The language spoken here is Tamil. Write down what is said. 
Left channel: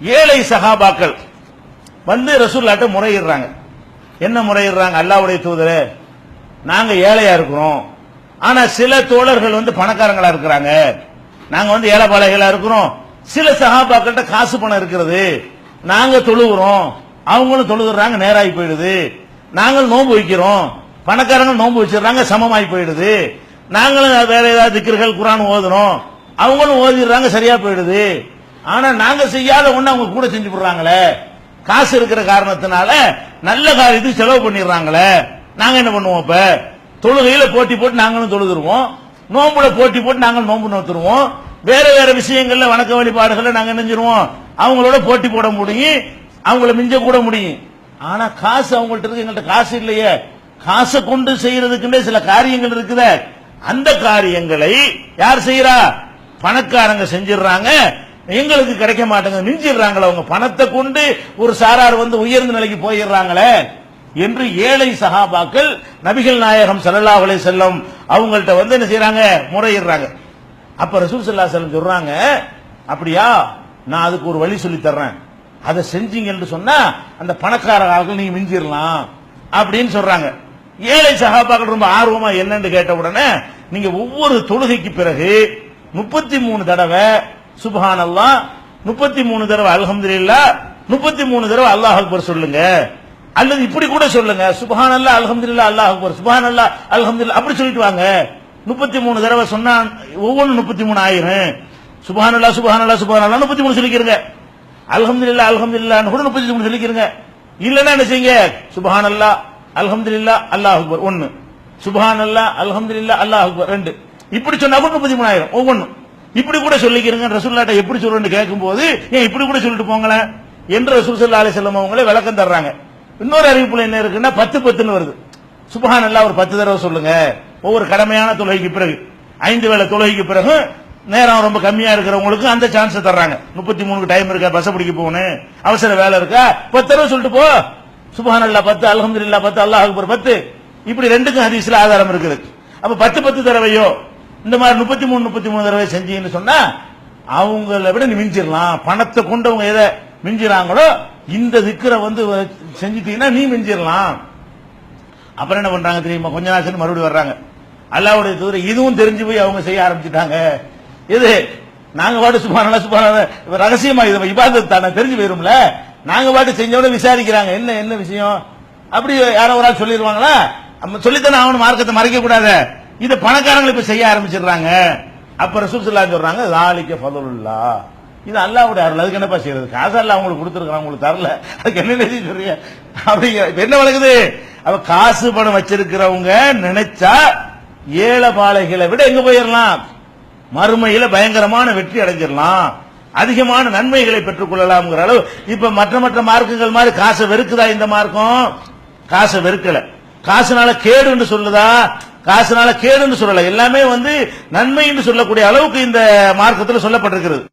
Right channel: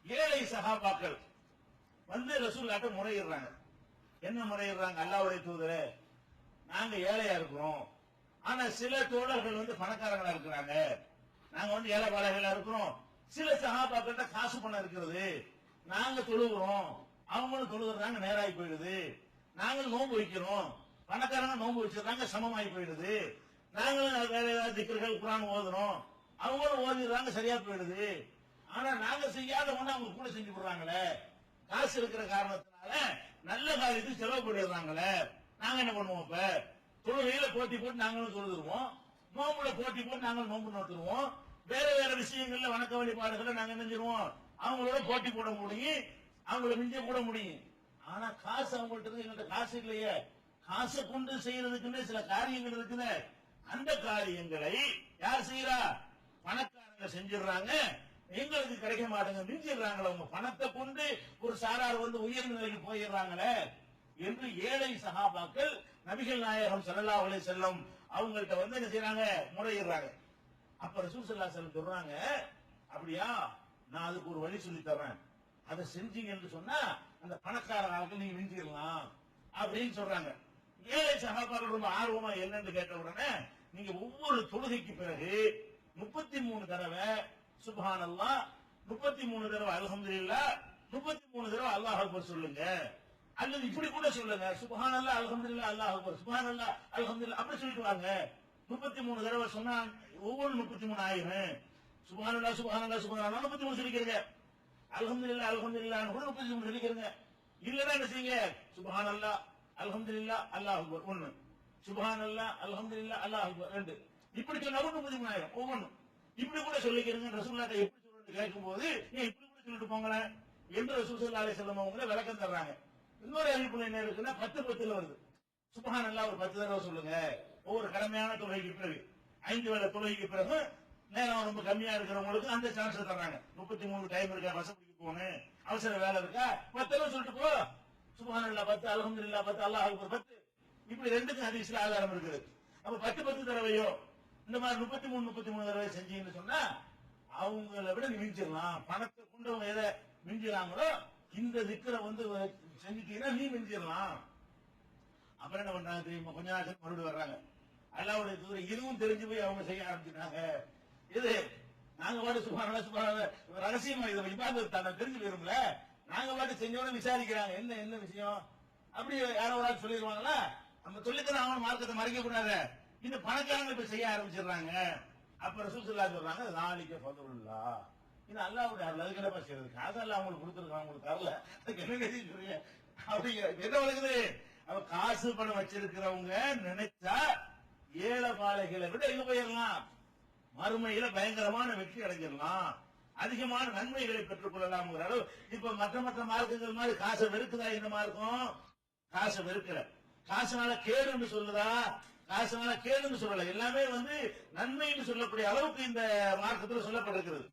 ஏழை சகாபாக்கள் வந்து ரசூல்லாட்ட முறையிடுறாங்க. என்ன முறையிடுறாங்க? அல்லாவுடைய தூதர் நாங்க ஏழையா இருக்கிறோம். ஆனா சில தோழர்கள் வந்து பணக்காரங்களா இருக்கிறாங்க. நாங்க வந்து ஏழைப்பாளைகளா இருக்கிறோம். சில சகாபாக்கள்கிட்ட காசு பணம் இருக்கிறது. நாங்க தொழுகிறோம். அவங்களும் தொழுகிறாங்க நேராகி போயிடுது. நாங்கள் நோன்பு வைக்கிறோம். பணக்காரங்க நோன்பு வச்சிடுறாங்க சமமாகி போயிடுது. நாங்களும் வேற ஏதாவது திக்கர்கள் குரான் ஓதுறோம் அவங்களும் ஓதிடுறாங்க சரியா போயிடுது. ஆனா நாங்க செய்யாத ஒண்ணு அவங்க கூட செஞ்சு விடுறாங்களே. காசு இருக்கிற காரணத்தினால நல்ல காரியத்துக்கு செலவு பண்ணிடுறாங்களே. நாங்க என்ன பண்ணுவோம் இப்ப? தொழுகையில போட்டி போட்டு நாங்களும் தொழுதுருவோம். நோம்புல போட்டி போட்டு நாங்களும் நோம்பு நோத்துருவோம் வேற வேற விஷயங்கள்ல வணக்க வழிபாடுகள்ல நாங்க நினைஞ்சிருவோம் அவங்களோட போட்டி போட முடியும். அவங்கள மிஞ்ச கூட முடியும். ஆனா காசு அவங்கள்ட்ட இருக்கு. எங்கள்ட்ட காசு இல்லையே. காசை கொண்டு செய்யறதுக்குன்னே சில காரியங்கள் இருக்குத. அந்த காரியங்களை யார் செய்யறா பணக்காரங்க செஞ்சிடுறாங்க. எங்களுக்கு கிடைக்க மாட்டேங்குது மிஞ்சிடுறாங்களே அவங்க. பணத்தை கொண்டு ஒரு சாரார் வந்து உயர்ந்த நிலைக்கு போயிடுறாங்களே என்று ஏழை சகாபாக்கள் நபிகள் நாயகம் சல்லா அலை செல்லம் அவங்கள்ட்ட வந்து என்ன செய்யறாங்க முறையிடுறாங்க. அப்ப ரசூல் சல்லா செல்லம் சொல்றாங்க அப்படியா? நான் அதுக்கு ஒரு வழி சொல்லி தர்றேன். அதை செஞ்சீங்கன்னு சொன்னா அந்த பணக்கார ஆட்கள் நீங்க மிஞ்சிடலாம் அப்படின்னு சொல்றாங்க. ஏழை சகாபாக்கள் ரொம்ப ஆர்வமா என்னன்னு கேட்ட உடனே நீங்க ஒவ்வொரு தொழுகைக்கு பிறகு முப்பத்தி மூணு தடவை சுபஹான் அல்லாஹ் முப்பத்தி மூணு தடவை அல்ஹம்துலில்லாஹ் முப்பத்தி மூணு தடவை அல்லாஹ் அக்பர் சொல்லுங்க. அல்லது இப்படி கூட சொல்லுங்க. சுபஹான் அல்லாஹ் இல்லா அல்லாஹ் அக்பர். சுபஹான் அல்லாஹ் இல்லா அப்படி சொல்லிட்டு வாங்க. முப்பத்தி மூணு தடவை சொன்னா ஒவ்வொன்றும் முப்பத்தி மூணு ஆயிரும். சுபஹான் அல்லாஹ் சுபஹான் அல்லாஹ் சுபஹான் அல்லாஹ் முப்பத்தி மூணு சொல்லிக்கிறங்க. அல்ஹம்துலில்லாஹ் இல்லான்னு கூட முப்பத்தி மூணு சொல்லிக்கிறங்க. இல்லைன்னா என்ன செய்யுங்க? சுபஹான் அல்லாஹ் இல்லா அல்லாஹ் அக்பர். ஒன்னு சுபஹான் அல்லாஹ் இல்லா அல்லாஹ் அக்பர். ரெண்டு. இப்படி சொன்னா கூட முப்பத்தி மூணாயிரம் ஒவ்வொன்றும் இப்படி கூட சொல்லிக்கிறங்க. ரசூல்லாட்ட எப்படி சொல்றேன்னு கேட்கும்போது ஏன் இப்படி கூட சொல்லிட்டு போங்களேன் என்று ரசூல் ஸல்லல்லாஹு அலி செல்லம் அவங்களே விளக்கம் தர்றாங்க. இன்னொரு அறிவிப்புல என்ன இருக்குன்னா பத்து பத்துன்னு வருது. சுபஹான் அல்லா ஒரு பத்து தடவை சொல்லுங்க. ஒவ்வொரு கடமையான தொழுகைக்கு பிறகு ஐந்து வேளை தொழுகைக்கு பிறகு நேரம் ரொம்ப கம்மியா இருக்கிறவங்களுக்கு அந்த சான்ஸ் தர்றாங்க. முப்பத்தி மூணுக்கு டைம் இருக்கா? பஸ் பிடிக்க போகணும். அவசர வேலை இருக்கா? பத்து தடவை சொல்லிட்டு போ. சுபஹான் அல்லா பத்து அல்ஹம்துலில்லாஹ் பத்து அல்லாஹ் அக்பர் பத்து. இப்படி ரெண்டுக்கும் ஹதீஸ்ல ஆதாரம் இருக்குது. அப்ப பத்து பத்து தடவையோ இந்த மாதிரி முப்பத்தி மூணு முப்பத்தி மூணு தடவை செஞ்சீங்கன்னு சொன்னா அவங்கள விட நீ மிஞ்சிடலாம். பணத்தை கொண்டவங்க எதை மிஞ்சிறாங்களோ இந்த திக்கரை வந்து செஞ்சுட்டீங்கன்னா நீ மிஞ்சிடலாம். அப்புறம் என்ன பண்றாங்க தெரியுமா? கொஞ்ச நாள் மறுபடியும் வர்றாங்க. அல்லாவுடைய தூர இதுவும் தெரிஞ்சு போய் அவங்க செய்ய ஆரம்பிச்சுட்டாங்க. இது நாங்க பாட்டு சுபான சுபான ரகசியமா இது இபாதத் தானே தெரிஞ்சு போயிரும்ல? நாங்க பாட்டு செஞ்சவன விசாரிக்கிறாங்க. என்ன என்ன விஷயம்? அப்படி யாரோ ஒரு ஆள் சொல்லிடுவாங்களா நம்ம சொல்லித்தானே அவனு மார்க்கத்தை மறைக்க கூடாது இது பணக்காரங்களை இப்ப செய்ய ஆரம்பிச்சிடுறாங்க. அப்ப ரசூல் ஸல்லல்லாஹு சொல்றாங்க லாலிக்க ஃபதுலுல்லா இது அல்லாவுடைய அருள். அதுக்கு என்னப்பா செய்யறது காசு அல்ல அவங்களுக்கு கொடுத்துருக்கான் உங்களுக்கு தரல. அதுக்கு என்ன நிதி சொல்றீங்க? அப்படிங்கிற என்ன வழங்குது? அவ காசு பணம் வச்சிருக்கிறவங்க நினைச்சா ஏழை பாலைகளை விட எங்க போயிடலாம் மறுமையில பயங்கரமான வெற்றி அடைஞ்சிடலாம் அதிகமான நன்மைகளை பெற்றுக்கொள்ளலாம்ங்கிற அளவு. இப்ப மற்ற மற்ற மார்க்குகள் மாதிரி காசை வெறுக்குதா இந்த மார்க்கம்? காசை வெறுக்கல. காசுனால கேடுன்னு சொல்லுதா? காசுனால கேடுன்னு சொல்லல. எல்லாமே வந்து நன்மை என்று சொல்லக்கூடிய அளவுக்கு இந்த மார்க்கத்தில் சொல்லப்பட்டிருக்கிறது.